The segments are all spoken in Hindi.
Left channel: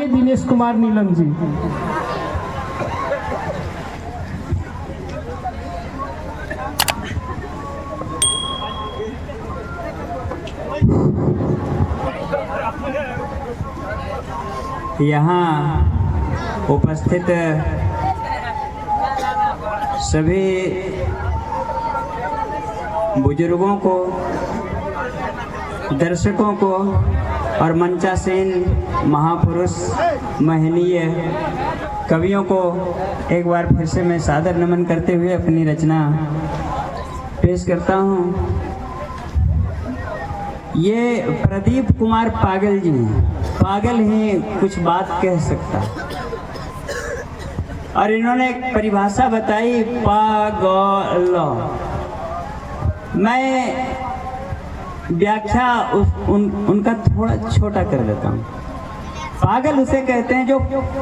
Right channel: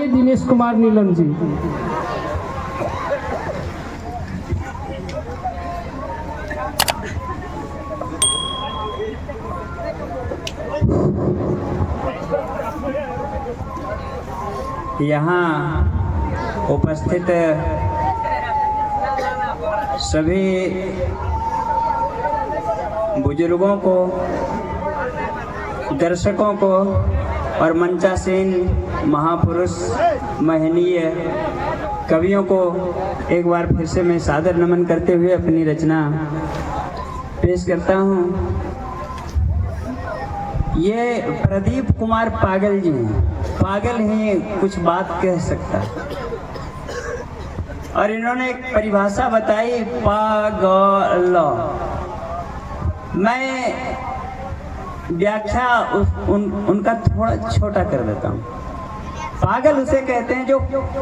सम्माननीय दिनेश कुमार नीलम जी। यहाँ उपस्थित सभी बुजुर्गों को, दर्शकों को और मंचासीन महापुरुष महनीय कवियों को एक बार फिर से मैं सादर नमन करते हुए अपनी रचना पेश करता हूँ। ये प्रदीप कुमार पागल जी हैं, पागल ही कुछ बात कह सकता, और इन्होंने एक परिभाषा बताई पागल। मैं व्याख्या उनका थोड़ा छोटा कर देता हूँ। पागल उसे कहते हैं जो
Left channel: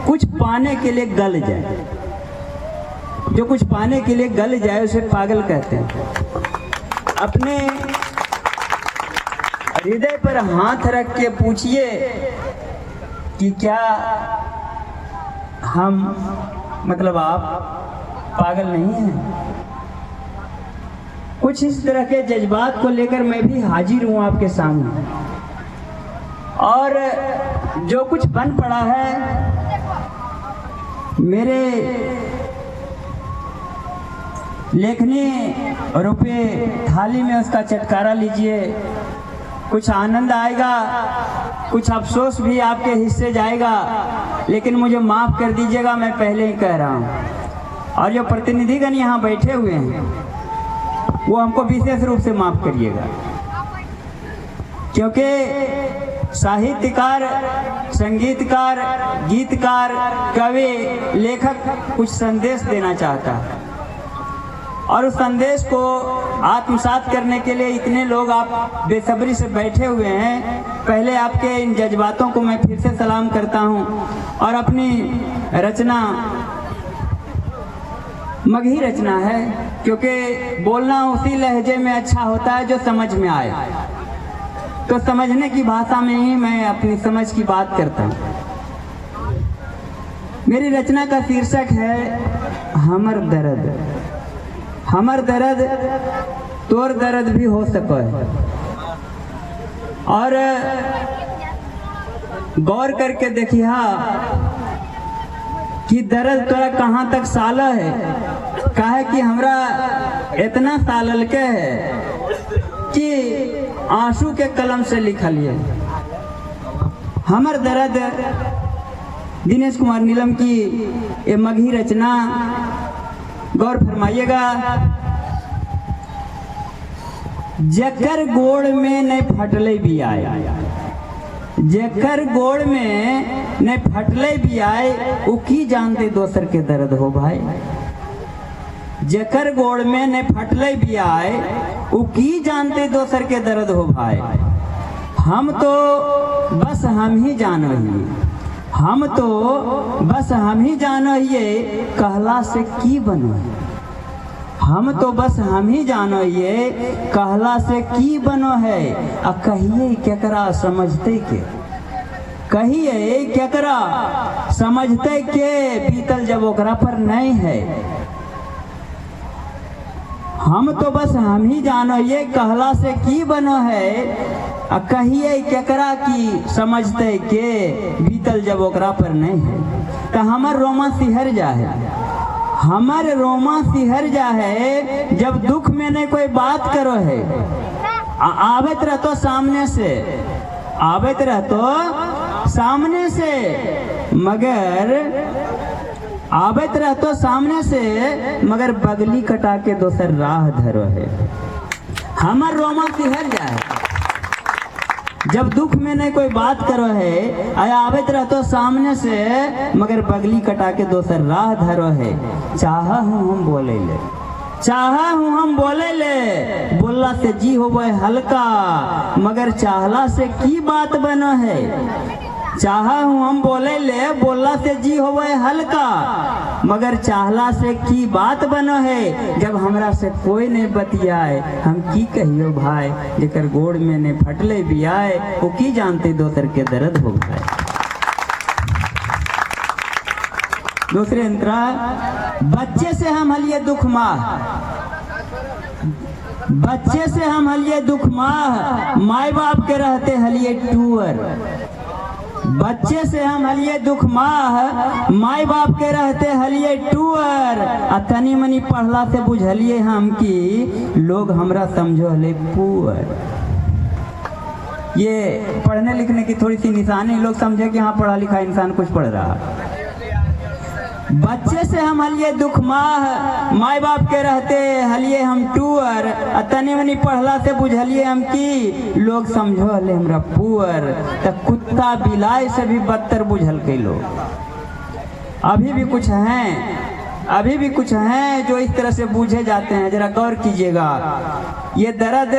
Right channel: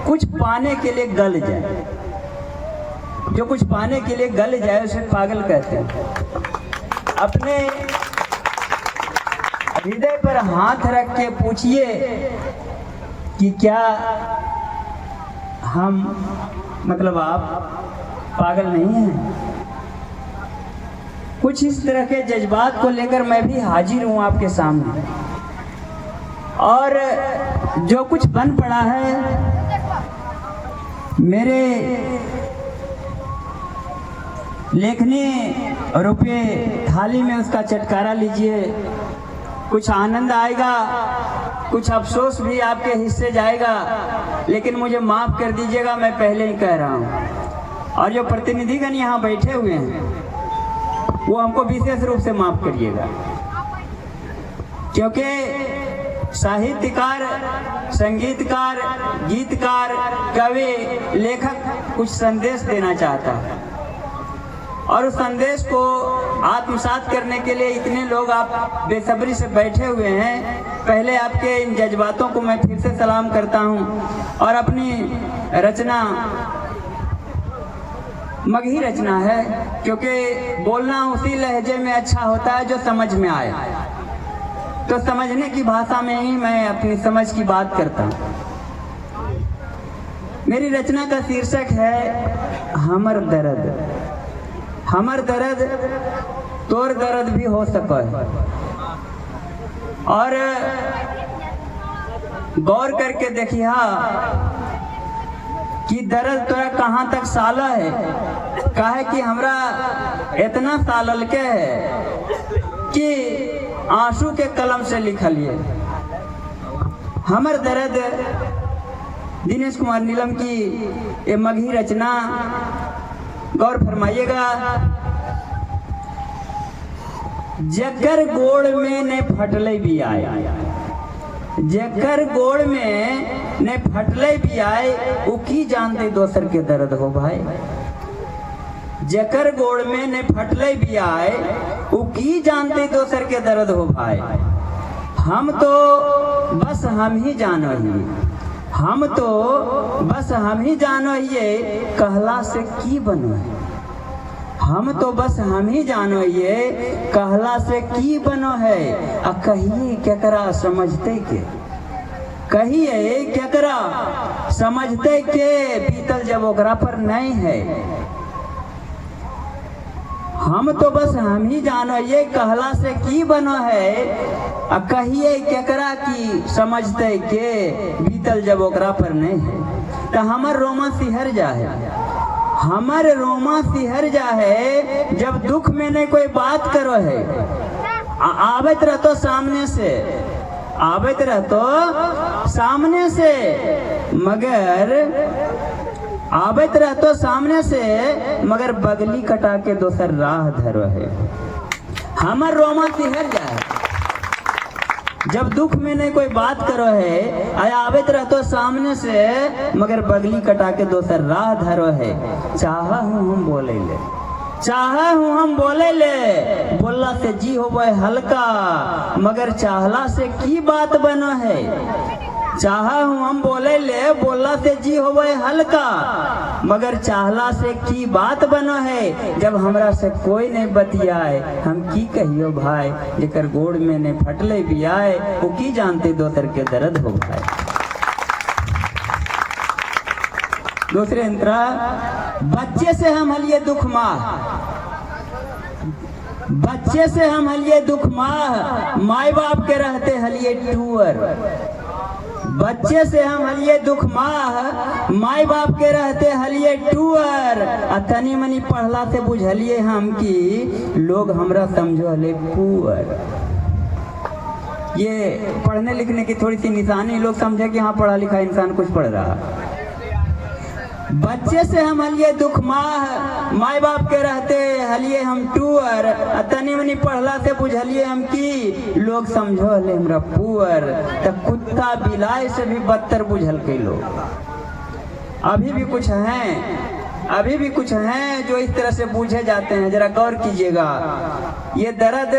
कुछ पाने के लिए गल जाए, जो कुछ पाने के लिए गल जाए उसे पागल कहते हैं। अपने हृदय पर हाथ रख के पूछिए कि क्या हम, मतलब आप पागल नहीं हैं? कुछ इस तरह के जज्बात को लेकर मैं भी हाजिर हूं आपके सामने, और जो कुछ बन पड़ा है मेरे लेखनी रुपये थाली में, उसका चटकारा लीजिए। कुछ आनंद आएगा, कुछ अफसोस भी आपके हिस्से जाएगा, लेकिन मुझे माफ कर दीजिएगा, मैं पहले ही कह रहा हूँ। और जो प्रतिनिधिगण यहाँ बैठे हुए हैं वो हमको विशेष रूप से माफ करिएगा, क्योंकि साहित्यकार, संगीतकार, गीतकार, कवि, लेखक कुछ संदेश देना चाहता है, और उस संदेश को आत्मसात करने के लिए इतने लोग आप बेसब्री से बैठे हुए हैं। पहले आपके इन जज्बातों को मैं फिर से सलाम करता हूं, और अपनी रचना मगही रचना है, क्योंकि बोलना उसी लहजे में अच्छा होता है जो समझ में आए। तो समझने की भाषा में ही मैं अपनी समझ की बात करता हूं। मेरी रचना का शीर्षक है हमर दर्द। हमर दर्द तोर दर्द भी हो सके, और गौर करके देखिए कि दर्द तोरा कहाँ तक साला है। काहे कि हमरा इतना सालल के है कि आंसू के कलम से लिखलिए। हमर दर्द दिनेश कुमार नीलम की ये मगही रचना, गौर फरमाइएगा। जकर गोड़ में ने फटले भी आए, जकर गोड़ में ने फटले भी आए, वो की जानते दोसर के दर्द हो भाई। जकर गोड़ में ने फटले भी आए, वो की जानते दोसर के दर्द हो भाई। हम तो बस हम ही जानो ही, हम तो बस हम ही जानो ये कहला से की बनो है। हम तो बस हम ही जानो ये कहला से की बनो है। आ कहिए केकरा समझते के, कहिए केकरा समझते के, बीतल जब ओकरा पर नहीं है। हम तो बस हम ही जानो ये कहला से की बनो है। आ कहिए केकरा की समझते के, बीतल जब ओकरा पर नहीं है। तो हमर रोमा सिहर जा है, हमर रोमा सिहर जा है, जब दुख में ने कोई बात करो है। आवेत रहतो सामने से, आवेत रहतो सामने से, मगर आवेत रहतो सामने से, मगर बगली कटा के दोसर राह धरो है। हमर रोमा सिहर जा है, जब दुख में ने कोई बात करो है। आवेत रहतो सामने से, मगर बगली कटा के दोसर राह धरो है। चाहा हूँ हम बोले ले, चाहा हूँ हम बोले ले, बोलला से जी होवे हल्का, मगर चाहला से की बात बनो है। चाहा हूँ हम बोले ले, बोलला से जी होवे हल्का, मगर चाहला से की बात बनो है। जब हमरा से कोई नहीं बतियाए, हम की कहियो भाई। जेकर गोड़ में ने फटले भी आए, वो की जानते दोसर के दर्द हो भाई। दूसरे अंतरा, बच्चे से हम हलिए दुख माह, बच्चे से हम हलिए दुख माह, माई बाप के रहते हलिए टूअर। बच्चे से हम हलिए दुख माह, माई बाप के रहते हलिए टूअर। आ तनी मनी पढ़ला से बुझलिए हम कि लोग हमरा समझो हले पुअर। ये पढ़ने लिखने की थोड़ी सी निशानी, लोग समझे कि हाँ पढ़ा लिखा इंसान कुछ पढ़ रहा है। बच्चे से हम हलिए दुख माह, माई बाप के रहते हलिए हम टूअर। तनी मनी पढ़ला से बुझलिए हम कि लोग समझो हले हमरा पुअर। तब कुत्ता बिलाई से भी बदतर बुझल के लोग। अभी भी कुछ हैं, अभी भी कुछ हैं जो इस तरह से बूझे जाते हैं। जरा गौर कीजिएगा, ये दर्द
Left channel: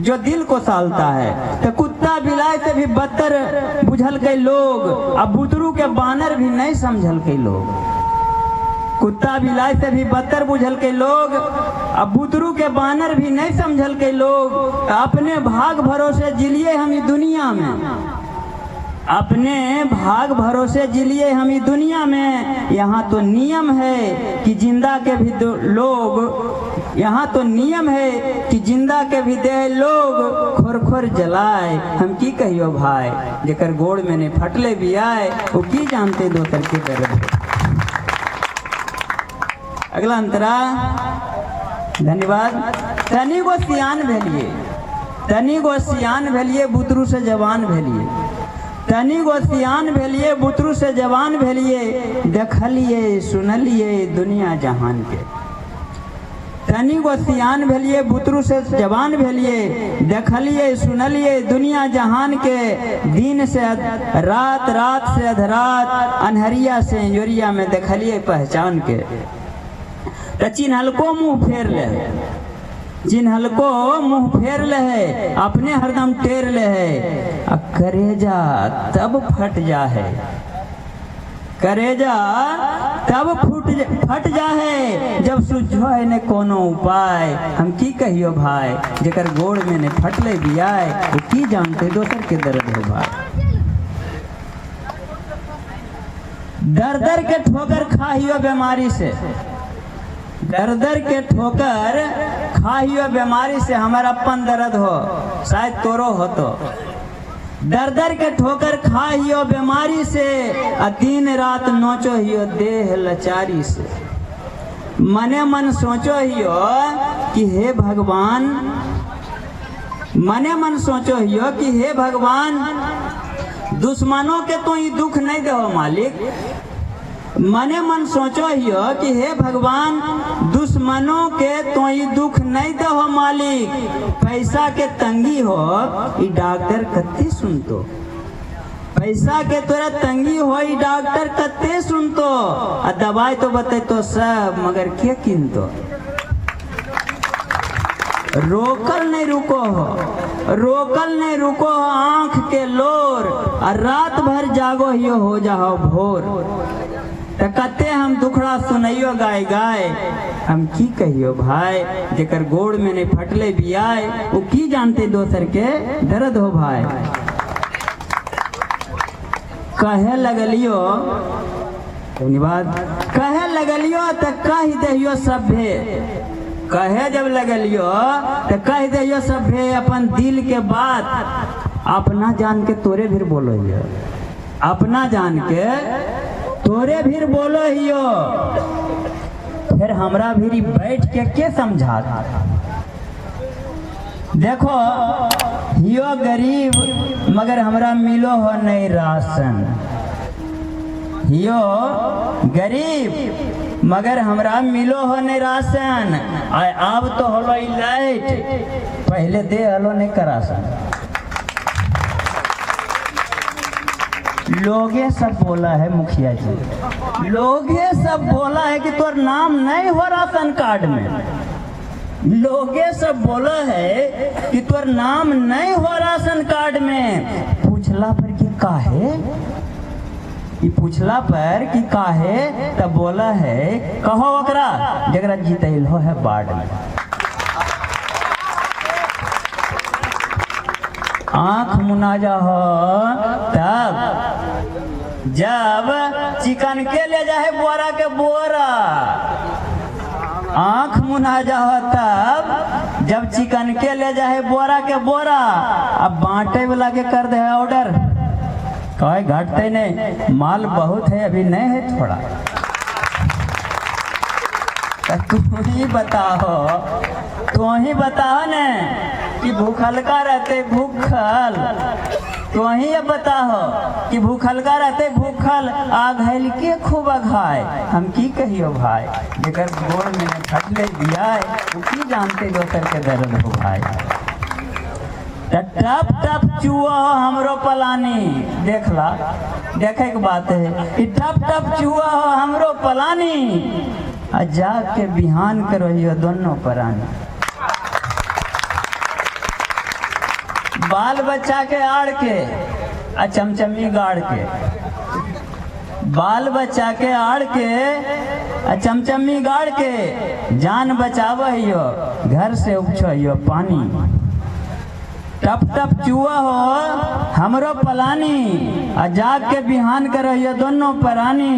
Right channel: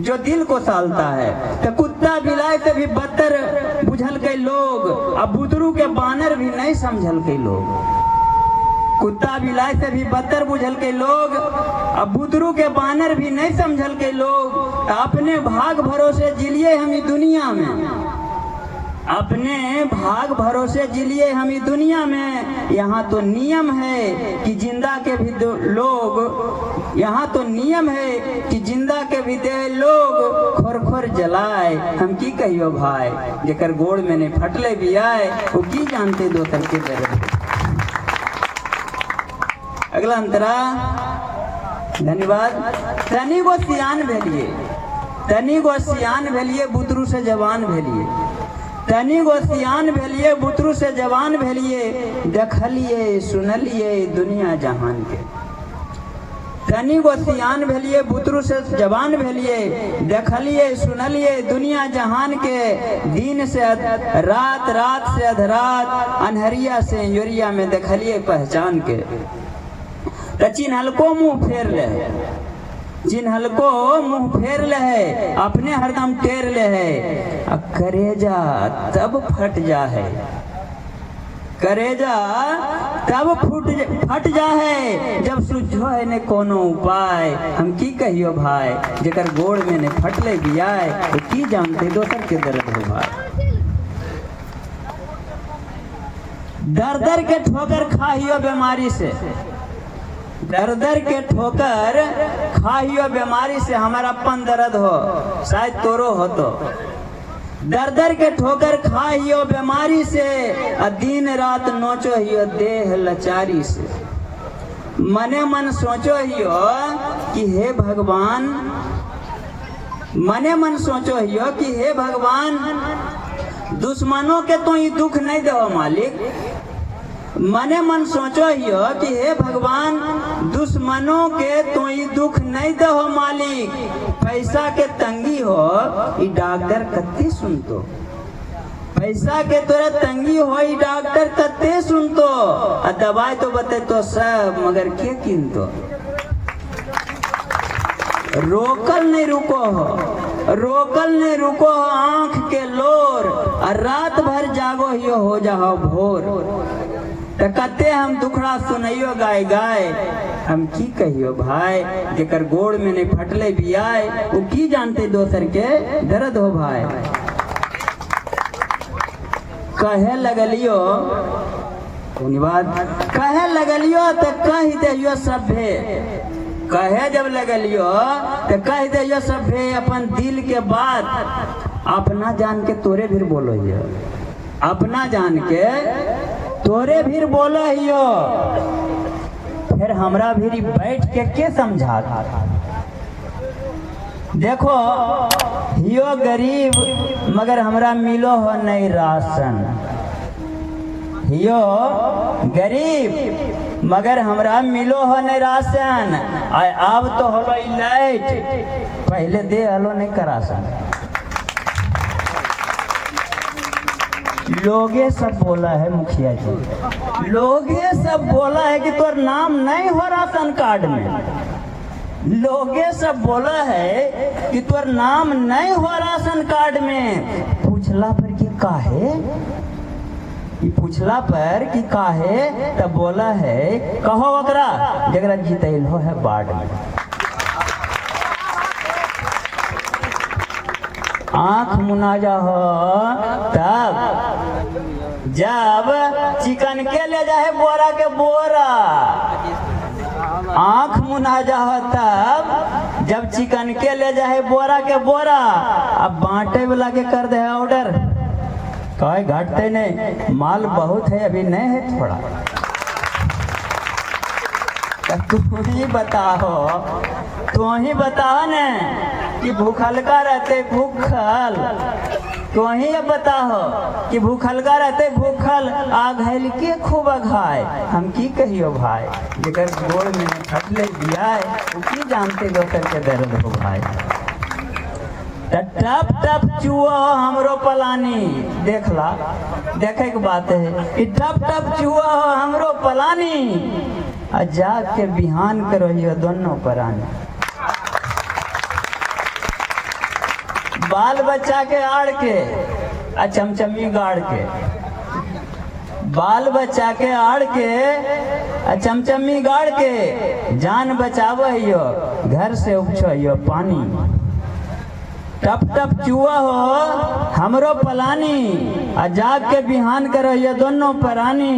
जो दिल को सालता है। तो कुत्ता बिलाई से भी बदतर बुझल के लोग, अब बुतरू के बानर भी नहीं समझल के लोग। कुत्ता बिलाई से भी बदतर बुझल के लोग, अब बुतरू के बानर भी नहीं समझल के लोग। अपने भाग भरोसे जिलिए हम इस दुनिया में, अपने भाग भरोसे जिलिए हम इस दुनिया में। यहाँ तो नियम है कि जिंदा के भी लोग, यहाँ तो नियम है कि जिंदा के भी दे लोग खोर खोर जलाए। हम की कहियो भाई, जेकर गोड़ में ने फटले भी आए, वो की जानते दोसर के दर्द। अगला अंतरा, धन्यवाद। तनी गो सियान भेलिए, तनी गो सियान भेलिए, बुतरू से जवान भेलिए। तनी गो सियान भेलिए, बुतरू से जवान भेलिए, देखलिए सुनलिए दुनिया जहान के। तनी गो सियान भेलिए, बुतरू से जवान भेलिए, देखलिए सुनलिए दुनिया जहान के। दिन से रात, रात से अधरात, अनहरिया से यूरिया में देखलिए पहचान के। चिन्हलको मुंह फेर ले, चिन्हलको मुंह फेर ले है, अपने हरदम टेर ले है। अब करेजा तब फट जा है, करेजा तब फट जा है, जब सुझो है ने कोनो उपाय। हम की कहियो भाई, जेकर गोड़ में ने फटले भी आए, वो की जानते दोसर के दर्द हो भाई। दर दर के ठोकर खाहियो बीमारी से, दर दर के ठोकर खाहियो बीमारी से। हमारा अपन दर्द हो, शायद तोरो हो तो। दर दर के ठोकर खाहियो बीमारी से, दिन रात नोचो हियो देह लाचारी से। मने मन सोचो हियो कि हे भगवान, मने मन सोचो हियो कि हे भगवान, दुश्मनों के तो ये दुख नहीं दो मालिक। मने मन सोचो हियो कि हे भगवान, दुश्मनों के तो ये दुख नहीं दो मालिक। पैसा के तंगी हो, ये डॉक्टर कत्ते सुनतो। पैसा के तोरा तंगी हो, ये डॉक्टर कत्ते सुनतो। और दवाई तो बते तो सब, मगर के किनतो। रोकल नहीं रुको हो, रोकल नहीं रुको हो आंख के लोर। और रात भर जागो हियो हो जाओ भोर। तो कते हम दुखड़ा सुनइयो गाय गाय। हम की कहियो भाई, जेकर गोड़ में ने फटले भी आए, वो की जानते दोसर के दर्द हो भाई। कहे लगलियो, धन्यवाद। कहे लगलियो तो कह दियो सभे, कहे जब लगलियो तो कह दियो सभे अपन दिल के बात। अपना जान के तोरे भी बोलो हियो, अपना जान के तोरे भी बोलो हियो। फिर हमरा भी बैठ के समझा। देखो हियो गरीब, मगर हमरा मिलो हो नहीं राशन। हियो गरीब, मगर हमरा मिलो हो नहीं राशन। अब तो हलो लाइट, पहले दे हलो नहीं करासन। लोगे सब बोला है मुखिया जी, लोगे सब बोला है कि तोर नाम नहीं हो राशन कार्ड में। लोगे सब बोला है कि तोर नाम नहीं हो राशन कार्ड में। पूछला पर कि काहे, ये पूछला पर कि काहे, तब बोला है कहो ओकरा जगरा जीतैल हो है बाढ़ में। आंख मुना जा हो तब, जब चिकन के ले जाए बोरा के बोरा, आंख मुना जा तब जब चिकन के ले जाए बोरा के बोरा। अब बांटे वाला के कर दे ऑर्डर, कहे घटते नहीं, माल बहुत है अभी नहीं है थोड़ा। तुम ही बताओ, तू ही बताओ न कि भूखल का रहते भूखल, तो ही बताओ कि भूखल का रहते भूखल, आग हेल के खूब अघाय। हम की कहियो भाई, जेकर गोड़ में फटले दिया वो की जानते दोसर के दर्द हो भाई। टप टप चुआ हमरो पलानी, देखला देखे के बात है, टप टप चुआ हो हमरो पलानी, आ जाग के बिहान करो दोनों परानी। बाल बच्चा के आड़ के आ चमचमी गाड़ के, बाल बच्चा के आड़ के आ चमचमी गाड़ के, जान बचावहियो घर से उपछो पानी। टप टप चुआ हो हमरो पलानी, आ जाग के बिहान करो दोनों परानी।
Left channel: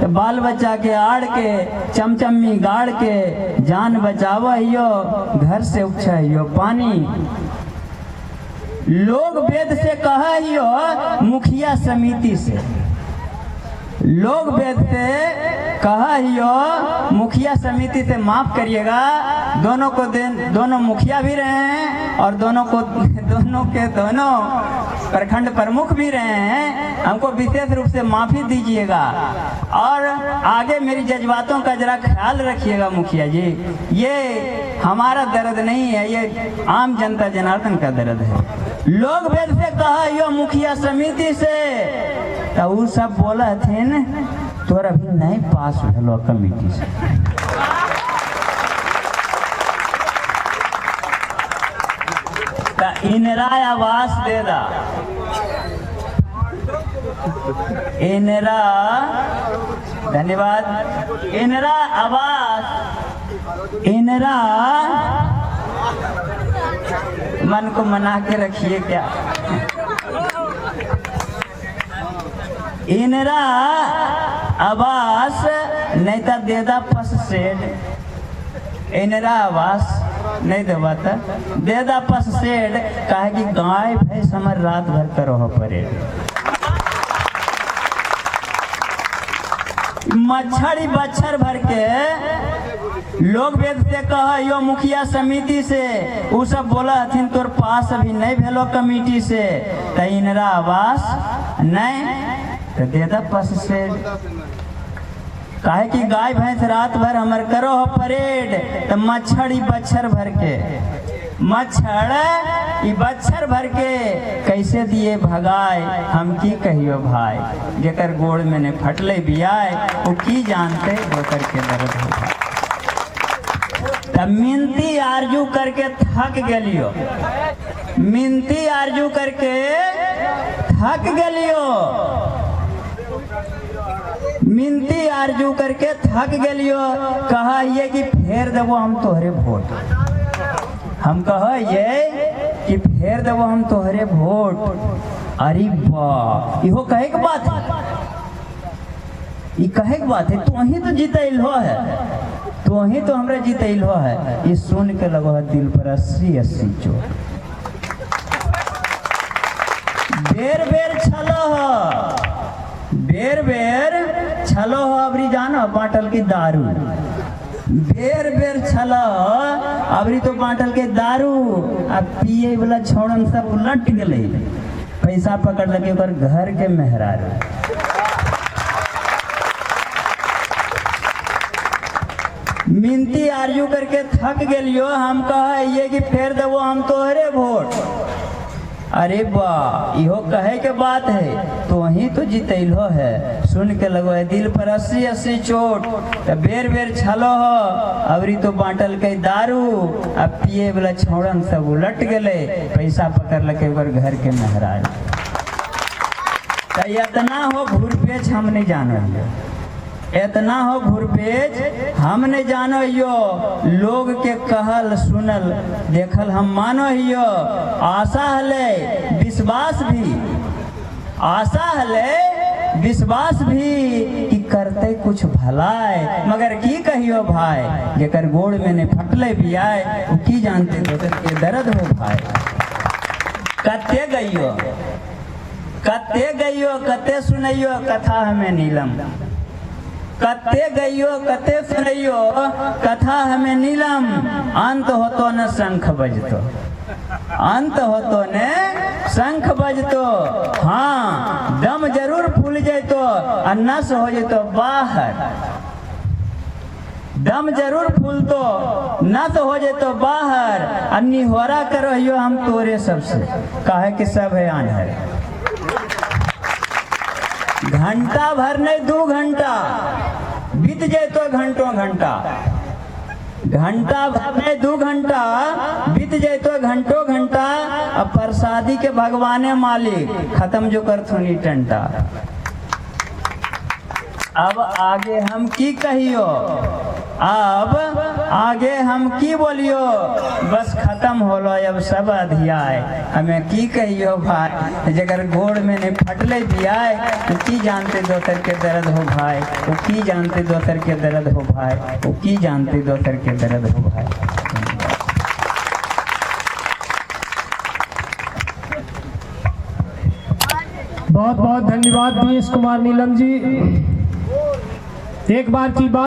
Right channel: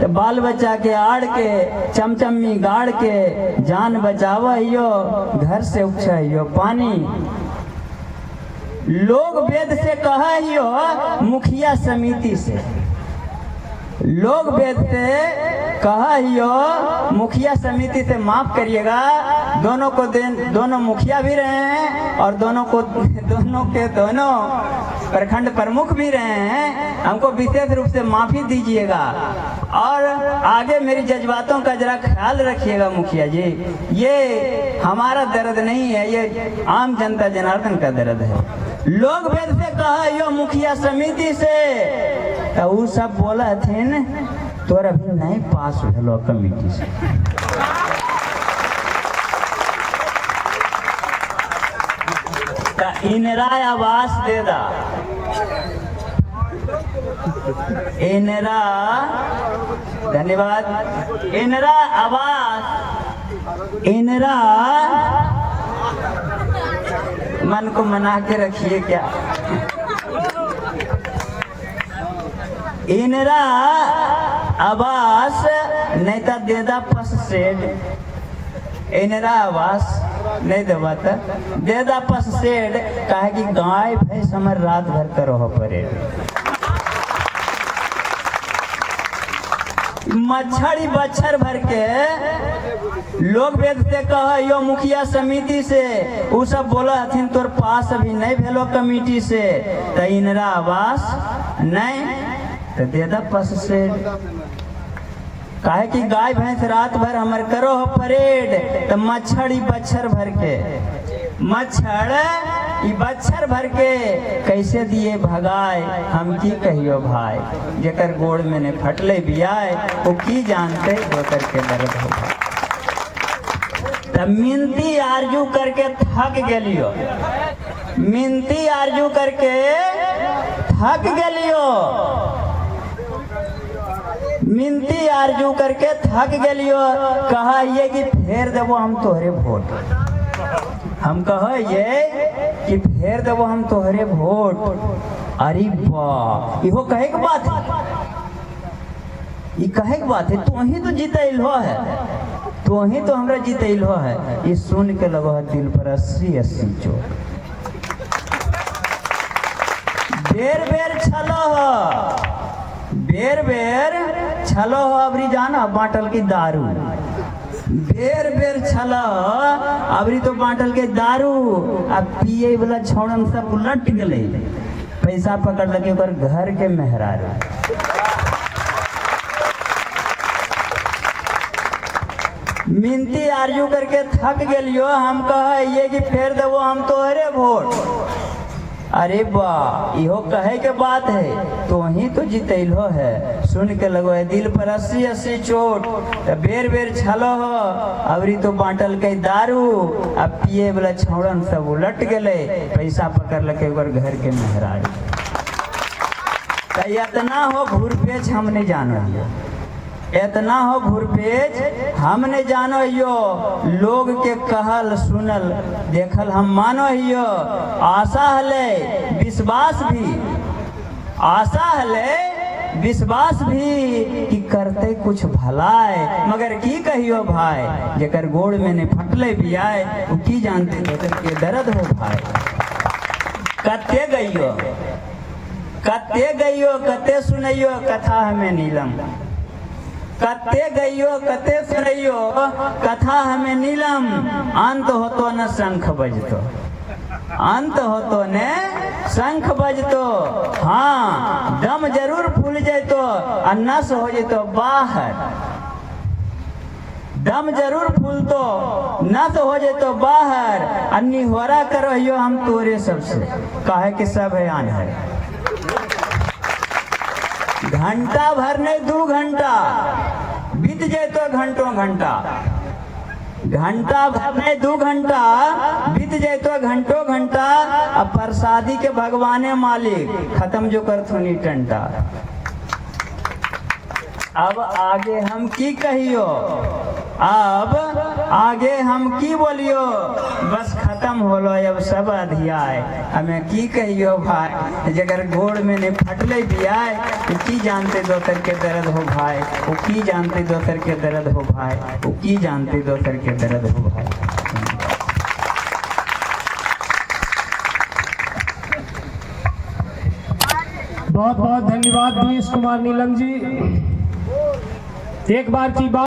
तो बाल बच्चा के आड़ के चमचमी गाड़ के, जान बचावहियो घर से उपछो पानी। लोग वेद से कहियो मुखिया समिति से, लोग वेद से कहियो मुखिया समिति से, माफ करिएगा दोनों को दोनों मुखिया भी रहे हैं और दोनों के दोनों प्रखंड प्रमुख भी रहे हैं, हमको विशेष रूप से माफी दीजिएगा और आगे मेरी जज्बातों का जरा ख्याल रखिएगा मुखिया जी। ये हमारा दर्द नहीं है, ये आम जनता जनार्दन का दर्द है। लोग वेद से कहा यो मुखिया समिति से, तो वो सब बोला थे न तोरा भी नहीं पास हो कमिटी से। इनरा आवास दे दा, इनरा धन्यवाद, इनरा आवास, इनरा मन को मना के रखिए क्या, इनरा आवास नहीं था देदा फस सेड, इनरा आवास नहीं देवा था देदा फस सेड, कहे कि गाय भैंस हमर रात भर करो परेड। मच्छरी बच्छर भर के लोग वेद से कहा यो मुखिया समिति से, वो सब बोला हथिन तोर पास अभी नहीं भेलो कमिटी से, तो इनरा आवास नहीं तो देदा फस सेड। काहे कि गाय भैंस रात भर हमर करो हो परेड, तो मच्छर बच्छर भर के, मच्छर बच्छर भर के कैसे दिए भगाए, हम की कहियो भाई, जेकर गोड़ में ने फटले बियाए वो की जानते दोकर के दर्द होगा। तब मिनती आरजू करके थक गलियो, मिनती आरजू करके थक गलियो, मिनती आरजू करके थक गलियो। कहा ये कि फेर देवो हम तोहरे वोट, हम कहा ये कि फेर देवो हम तोहरे वोट। अरे वाह, इहो कहे के बात है, ये कहे के बात है, तू ही तो जीतैलो है, तू ही तो हमरा जीतैलो है। ये सुन के लगो है दिल पर 80-80 चोट। बेर बेर छलो हो, बेर बेर छलो हो, अबरी जाना बाटल की दारू, बेर बेर छलो अबरी तो बाटल के दारू, अब पिए वाला छोड़न सब उलट गए, पैसा पकड़ लगे ओकर घर के मेहरारू। मिनती आरजू करके थक गलियो, हम कहे ये कि फेर देवो हम तोहरे वोट। अरे वाह, इहो कहे के बात है, तो ही तो जीतैलो है। सुन के लगो है दिल पर 80-80 चोट। तो बेर बेर छलो हो, अबरी तो बांटल के दारू, अब पिए वाला छोड़न सब उलट गए, पैसा पकड़ लगे ओकर घर के मेहरारू। तो इतना हो घूरपेच हम नहीं जानो यो, इतना हो घूरपेच हम नहीं जानो यो, लोग के कहल सुनल देखल हम मानो यो। आशा हले विश्वास भी, आशा हले विश्वास भी कि करते कुछ भलाए, मगर की कहियो भाई जेकर गोड़ में ने फटले भी आए, वो की जानते दोसर के दर्द हो भाई। कते गइयो कते सुनैयो कथा हमें नीलम, कते गइयो कते सुनैयो कथा हमें नीलम, अंत होतो न शंख बजतो, अंत होतो ने शंख बजतो। हाँ दम जरूर फूल जैतो और नस हो जैतो बाहर, दम जरूर फूलतो नस हो जैतो बाहर। अन्नी होरा करो हम तोरे सबसे, काहे कि सब है आन्हर। घंटा भर नहीं 2 घंटा बीत जैतो घंटों घंटा, घंटा भर नहीं 2 घंटा बीत जैतो घंटों घंटा। अब प्रसादी के भगवाने मालिक खत्म जो कर थोनी टंटा। अब आगे हम की कहियो, अब आगे हम की बोलियो, बस खत्म होलो अब सब अधियाय। हमें की कहियो भाई जगर गोड़ में ने फटले भी आए, वो की जानते दोसर के दर्द हो भाई, वो की जानते दोसर के दर्द हो भाई, वो की जानते दोसर के दर्द हो भाई। बहुत बहुत धन्यवाद दिनेश कुमार नीलम जी। एक बार की बात